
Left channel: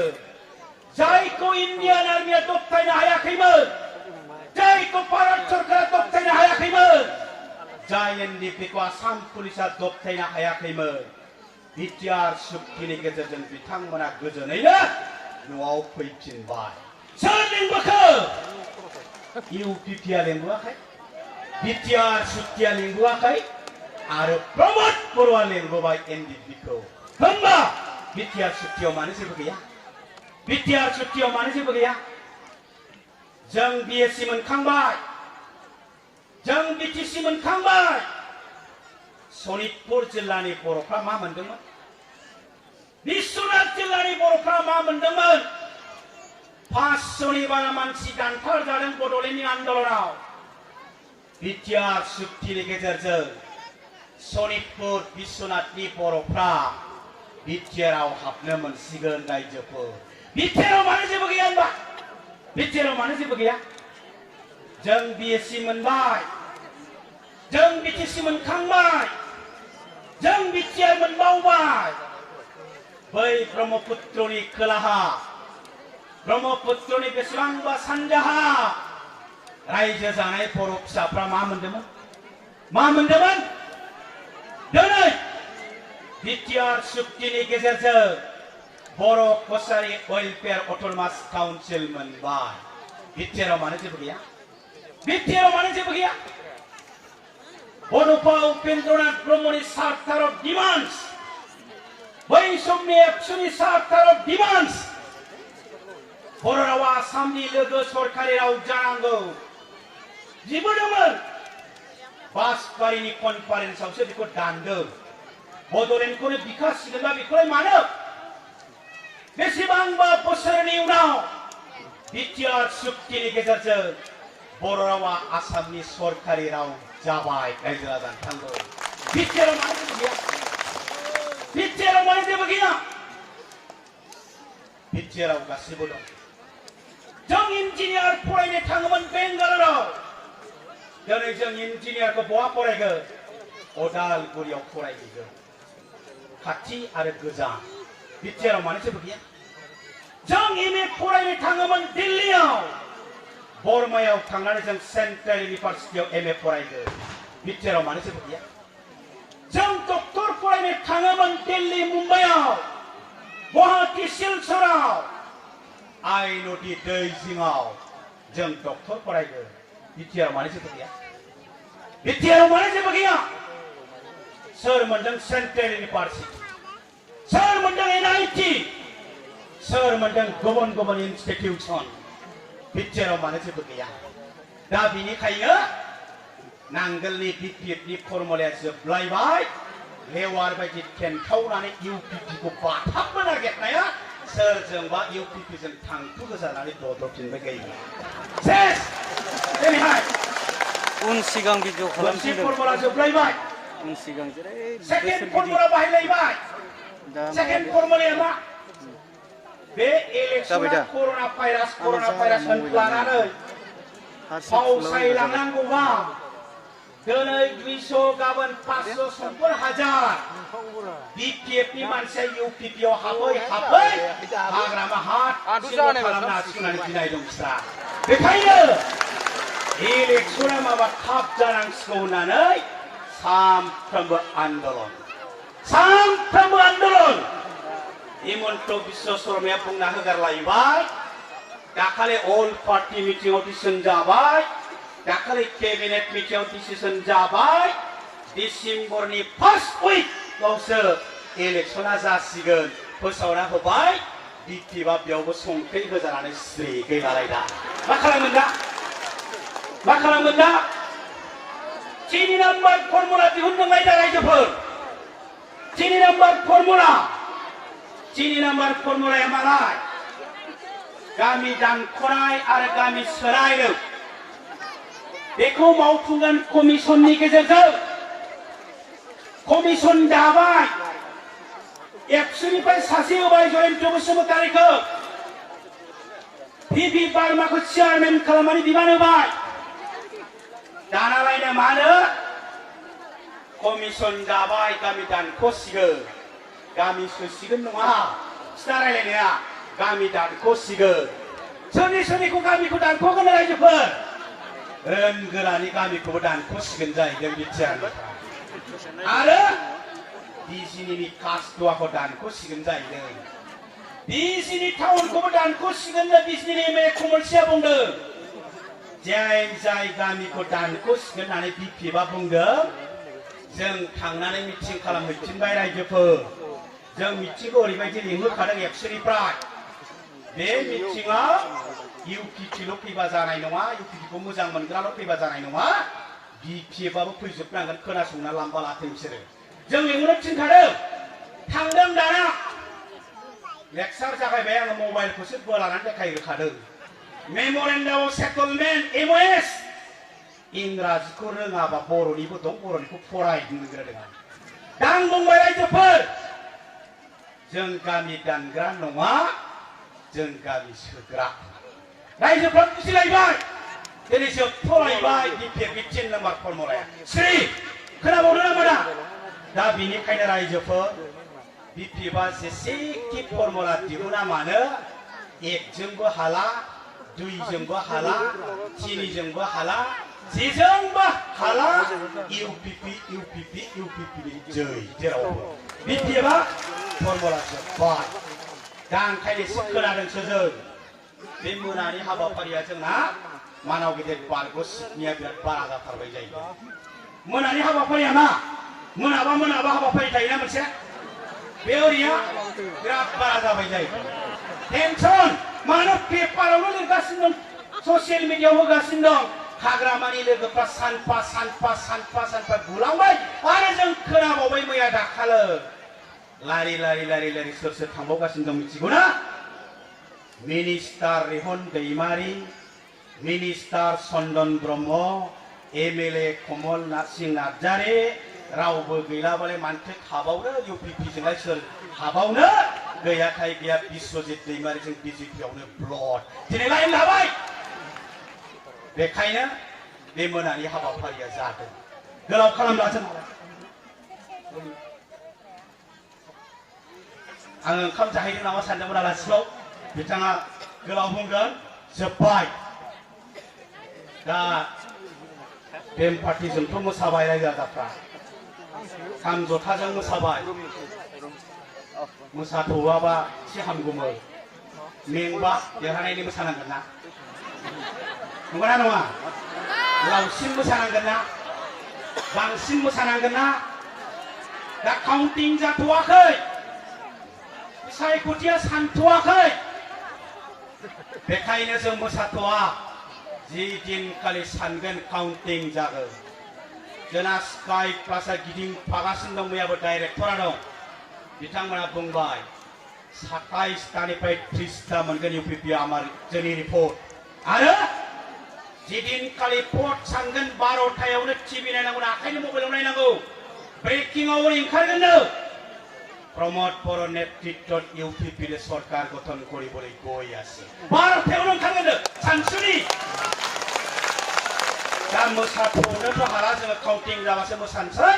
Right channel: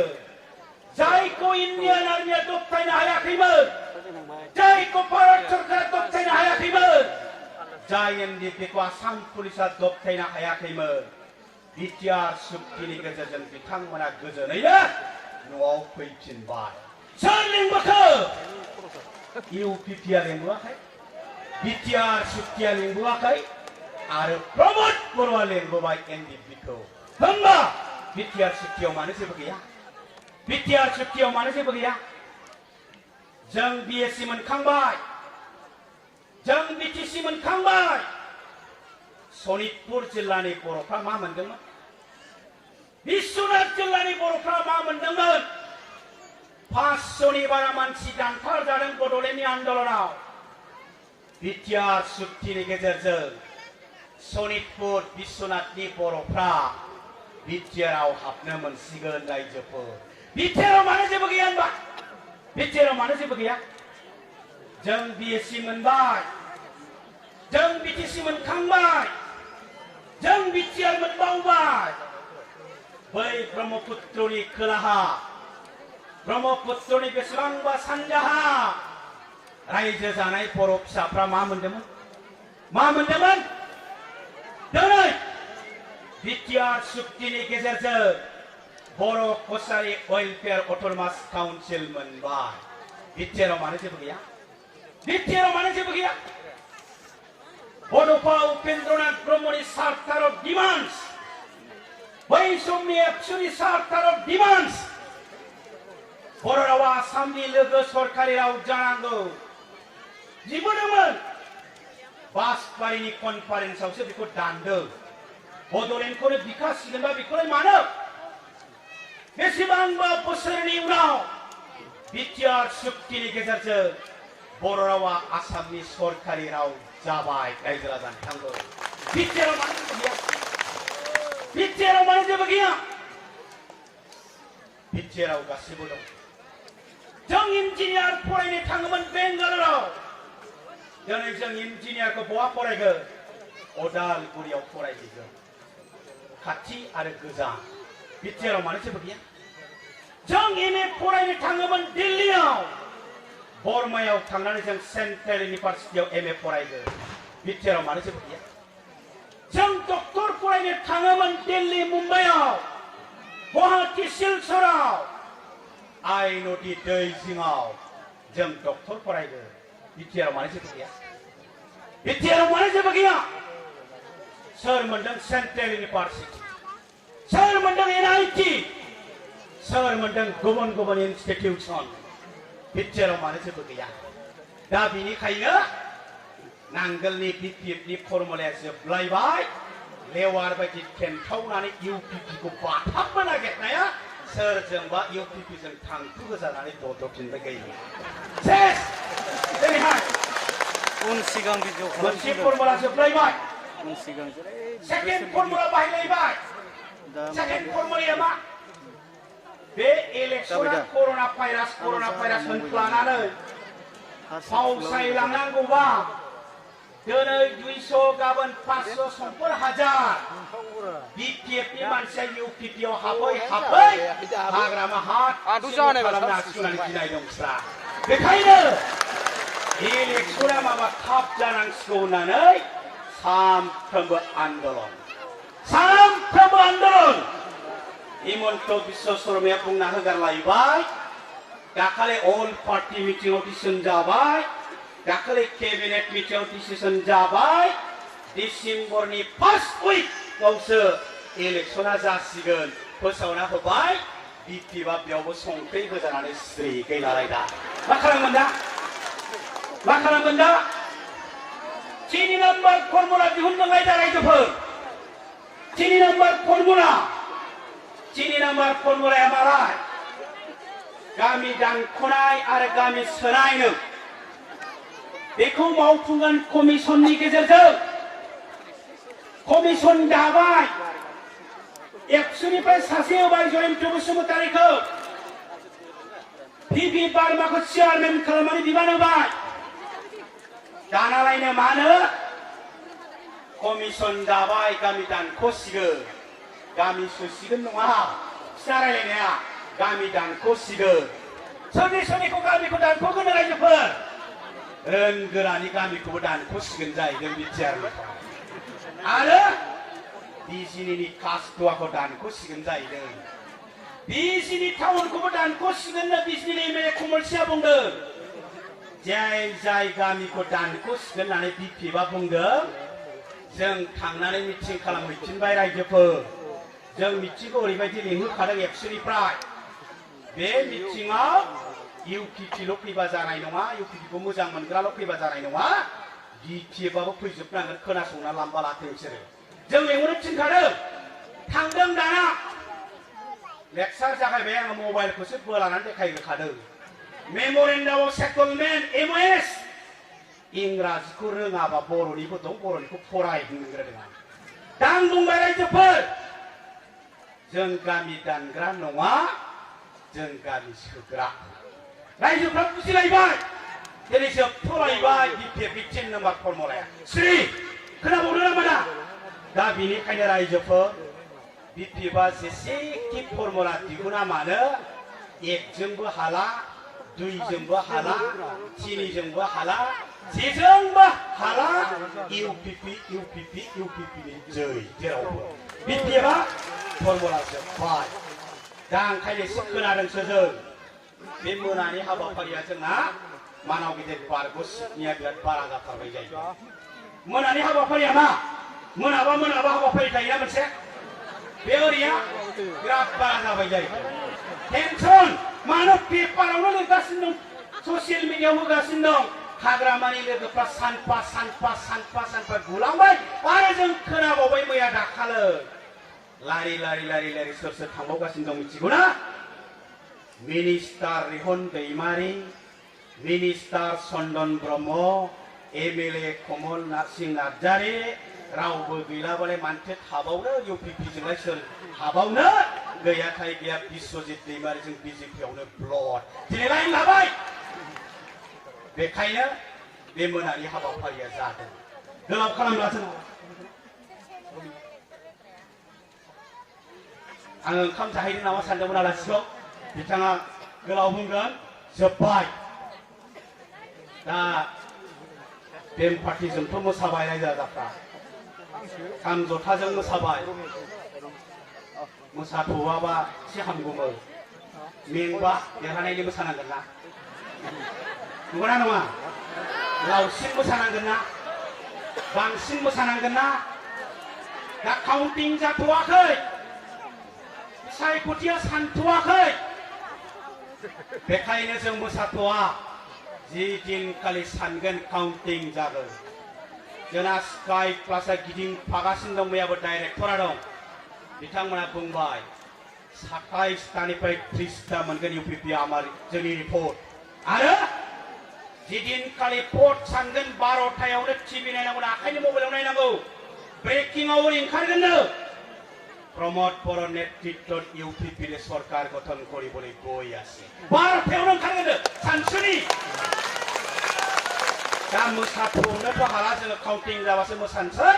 जायखौ इन्डियान आर्मिया दबथायनो हायाखैमोन जायखौ भारत सरकारा दबथायनो हायाखैमोन जाय एनडिपिखौ आसाम पुलिसा दबथायनो हायाखैमोन बिटिआर सुक्तिनि गेजेरजों बिथांमोना गोजोनैनो न'आव फैफिनबाय सोर लिंबोखो इउपिपिआ लिंबोआखै बिटिआर सुक्तिया लिंबोआखै आरो प्रमद बर'आ लिंबोबाय एनडिपिखौ होमबा बिटिआर सुक्तियाव मानो जेबो गैया बिटिआर सुक्तियाव मानो जेबो गैया जों बिएससि मोनखांबाय जों बिटिसि मोनखांबाय सनितपुर जिल्लानि बर'फ्रा मा मोनदोंमोन बिश्वनाथ जिल्लानि बर'फ्रा मा मोनदोंमोन 500नि बारा मानसि दानथार जादों बड'लेण्डनि आन्दलनाव बिटिआर सुक्तिनि गेजेरजों सनितपुर बिश्वनाथनि बर'फ्रा बिटिआरआव हाबनो मोनसिगोन रायजोफोर बिटिआरआव मानो जेबो गैया होनबा बिटिआरआव मानो जेबो गैया जों बिएससि मोनबाय जों बिटिसि मोनखांबाय जों बिटिआर मोनबावबाय बै ब्रह्मपुत्रनि खोलाहा ब्रह्मपुत्रनि बेसेबांबा सानजाहा रायजो जानाय बर' फिसाफ्रा मा मोनदोंमोन दिनै बिटिआर सुक्तिनि गेजेरजों बर' कसारि वेलफेयार अट'नमास काउन्सिल मोनबाय बिटिआरआव मानो जेबो गैया बिटिआरआव मानो जेबो गैया बड'फा उपेन्द्रनाथ ब्रह्मनि चार्टार अफ डिमान्ड्स बै समनि एबसुनि चार्टार अफ डिमान्ड्स बर' रावा आसामनि लोगो सरकारि राव जानांगौ बिबोदोंमोन बासबारिनि कनफारेन्सआवसो बेखौ दानदों बड'लेण्डखौनो बिखासिगोनबा बेखौलाय मानो बेसेबांबा बोसोरनि उनाव बिटिआर सुक्तिनि गेजेरजों बर' रावा आसामनि सरकारि राव जाबाय रायजो राजा नोंथांखौ बिटिआरआव मानो जेबो गैया बिटिआरआव गासिबो दं जों इन्जिनियार फरायनो थाङोमोन बेंगालराव दिनै जों इन्जिनियारखौ बहा फरायगोन अदालगुरियाव फरायहैगोन खाथि आरो गोजान बिटिआरआव मानो जेबो गैया जों एमए फरायनो थाङोमोन दिल्लीयाव बर्मायाव थांनानै जों सेन्ट्रेल इउनिभार्सिटियाव एमए फरायगोन बिटिआरआव मानो जेबो गैया जों डक्टर फरायनो थाङोमोन दिल्ली मुम्बाइआव गुवाहाटी सिलचराव आइ नदी दै जिङाव जों डक्टर फरायगोन बिटिआर मानो जेबो गैया बिटिआर मानो जेबो गैया सोर मोनदों सेन्ट्रेल इउनिभार्सिटि सोर मोनदों एनआईटी सोर मोनदों गुबुन गुबुन इनस्टिट्यूशन बिटिआर मानो जेबो गैया दा बिनिखायनो नांगोलनि बिपिएफनि फर्मुलाया जोबलायबाय लेवार बायदि टेनखावनानै इउपिपिखौ बाथाबनो नागिरनाया सोरजोंबा इउपिपिजों थांखु गोजानानै बदफिनबाय गैया सेस जेरैहाय उन सिगां भिडिअ मोनसे फर्मुला जोबलायबाय उन सिगां जेरै सेकेन्ड फर्मुला बाहायलायबाय सेकेन्ड फर्मुलाया मा बे इलेक्सना कर'ना भाइरास लानानै फावसायलांनांगौबा दिनै 200 गाबोन 500 समफोर हाजार बिपिएफनि मानसिया इउपिपिआव हाबै हाग्रामा हाट खालामना सुनानै गिनाय दंसा बेखायनो इलेक्सना माबा थाब जानांसिगौ होननानै सानफ्रोमबो आन्दलन हिमन्त बिश्व शर्माया बुंना होगारलायबाय दाखालि अल पार्टी मिटिंआव डिसिसन जाबाय दाखालि केबिनेट मिटिंआव डिसिसन जाबाय डिसेम्बरनि फार्स्ट उइकआवसो इलेक्सना जासिगोन फोसावना होबाय बिपिएफआ बेयावबो संख्रि होजानानै स्रि गैलालायदा मा खालामगोन दा 3 नाम्बार फर्मुला दिहुनदोंलाय दा रायजोफोर 3 नाम्बार फर्मुलाया मालाय गामि दानख'नाय आरो गामि सोलायनो बेखौ मावफुंगोन कमिसननि गेजेरजों कमिसन दाबाय एबसुनिफ्राय सासे होबाय जयन्त बसुमतारीखौ पिपि बार्माखौ चेयारमेन खालामनानै बिबान होबाय दानालायनो मानो कमिसन दाबाय गामि दानख'सिगोन गामि सोसिगोन नङा फिथा रायलायनाया गामि दानख'सिगोन सोरनिखौ गामिखौ दानख'गोन रायजोफोर रोनगोरानि गामिखौबो दानख'सिगोन जाहैदों बिटिआरनि आरो बिजिनिनि कास्टवाखौ दानख'सिगोन जाहैदों बिजिनि टाउनखौबो दानख'सिगोननो बिजिनि एमएलए कमलसिया बुंदों जाय गामिखौ दानख'सिगोन होननानै बिपिएफआ बुंदों जों थांनानै मिटिं खालामहैफिनबाय रायजोफोर जों मिटिंखौ ओरैबायदि लिंहरखादों एबसुनिफ्राय बे मिटिंआव इउपिपिल' फैबा जानाय नङा इउपिपिखौ मोजां मोनग्राल' फैबा जानाय नङा बिपिएफआबो फैजोबनांगोन खोनासंना लांबा लाथों बिसोरो जों लिंहरनो थिनखादों थांदों दाना लेक्सार जागायबाय आङो मबाइलखौसो बोलानानै देखायहोखादों मेम'रेन्डाम अफ सेटलमेन्ट एमअएस इंराजिखौ रोङाबा बर'निबो दं बर'निखौ फरायनो रोङा दा आं बुंबाय रायजोफोर जों गामि दानग्रा नङा जों गामि सोग्रा रायजोफ्रा बुजिलायबाय दिनैसो फरायबाय बिपिएफनि 3 नाम्बार फर्मुलाया श्री खोनाबावदों नामा दा बेनिखायनो रायजोफोर बिपिएफआ जेसेखि फर्मुला दिहुना मानो 1 जोंबो हाला 2 जोंबो हाला 3 जोंबो हाला जेजोंबो हाला इउपिपि जै जेरावबो बिपिएफआ फर्मुला जोब्बाय दा ओंखायनो एसे खोनादोंसो जों बे मोनानि हाबाफारिया जोंना मानाव गिदिर बारग' सिटनिया बिराद बारा जाथारबाय जायो मोनानि हाबाफारिया मा मोनाबा हाबाफारि थायोना मोनसे बे ओरैया बिराद बारा जाबाय जायो टेनसन मानो पेपारावनो लिरगासिनो दं ससियेल मिडियायाव होगासिनो दं हाग्रामानि लोगोफ्रा सानफा गुलांबाय आरो जों खोनाबावबाय मैया दाखालै लारि सोर थांबावगासिनो दं मिथिगौना मिनिस्टार रिहन दैमारी मिनिस्टार चन्दन ब्रह्म एमएलए कमल सिंह नार्जारी रावबो गैलाबालाय मानोथो थाबावनो इउपिपिजोंलाय सोर हाबावनो गैयाखाय गैया बिश्वजित दैमारीजों बिजेपियावनो ब्लक दिनै लाइन लाबाय बेखायनो बे मोनानि हाबाफारिया जादों गोलाव खालामला जों आङो ओंखाम जाहैदों नामा सानदोंमोन आलासिखौ बिथाङा गोलाव बुंगोन जोब्बाय दा बेन पार्टिजोंथ' मोसाबाय रायजो राजाफ्रा खाम जथाजों मोसाबाय मोसाथ'वाबा एसे हामगौमोन मेंबा देरहानायनि मोसानांगोन ना नंगौना नङा लावसिन मोसानांगोन ना बांसिन मोसानांगोन ना दा काउन्टिं जाथ'वाखै बिसायख'थिया सानथ'वाखै बेखायनो जों मोसाथ'वा जि दिनखालि सानगोन काउन्टिं जागोन जोंना स्काई क्लासा गिदिंफागासिनो दं मैयाबो डाइरेक्टरा दं बिथांमोना बुंबाय 27तानिफ्राय 30ता मोनगोन इउपिपि जोंनि रिपर्ट आरो जिदिनखालि भट सानगोन 12टायावनो टिभि नायनांगौ आखाइनि मबाइलाव नायनांगौ ब्रेकिंआवबो ओंखारगोननो प्रमोद बर' नेतृत्वत इउपिपि सरकार गठन কৰিবলৈ গৈ আছে 12টাयावनो ओंखारगोननो सानसुनि दा मोसाथ'नोथ' हाला जोङो काउन्टिं जाबासो मोसानोसै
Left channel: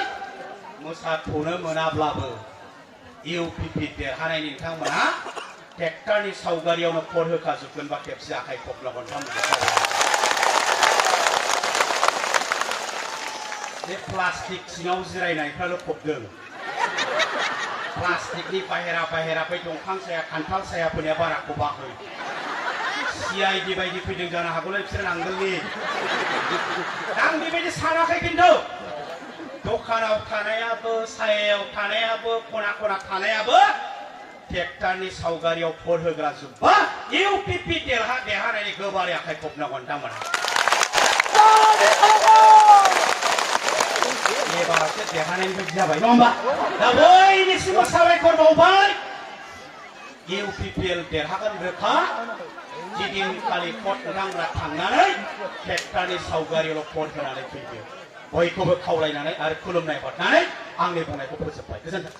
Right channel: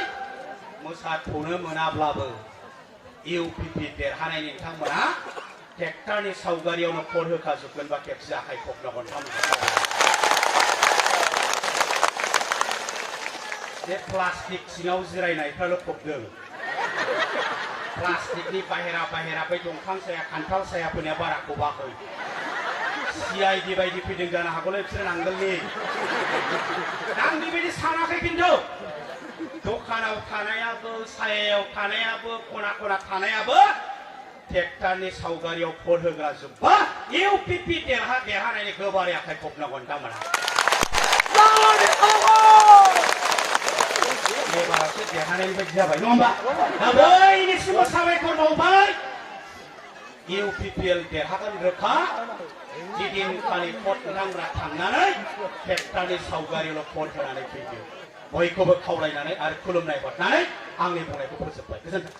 मोसाथ'नो मोनाब्लाबो इउपिपि देरहानाय नोंथांमोना ट्रेक्टरनि सावगारियावनो भट होखाजोबगोनबा खेबसे आखाइ खबलागोन बे प्लास्टिक सिङाव जिरायनायफ्राल' खबदों प्लास्टिकनि बाहेरा बै दंफां साया खान्थाल सायाफोरनिया बारा खबाखै CID बायदि फैदों जानो हागौलै बिसोर नांगोलनि आं बेबायदि सानाखै खिन्थु दखानाव थानायाबो सायायाव थानायाबो खना खना थानायाबो ट्रेक्टरनि सावगारियाव भट होग्रा जोब्बा इउपिपि देरहानायनि गोबारै आखाइ खबनांगोन दामोना एबारसो देरहानायनि बायदि जाबाय नङा होमबा दा बयनिसिमबो साबायखर बावबाय इउपिपिएल देरहागोन रोखा जिदिनखालि भट नोंथांमोना थांनानै ट्रेक्टरनि सावगारियावल' भट होनानै फैदो बयखौबो खावलायनानै आरो खुलुमनाय हरनानै आंनि बुंनायखौ फोजोबबाय गोजोन्थों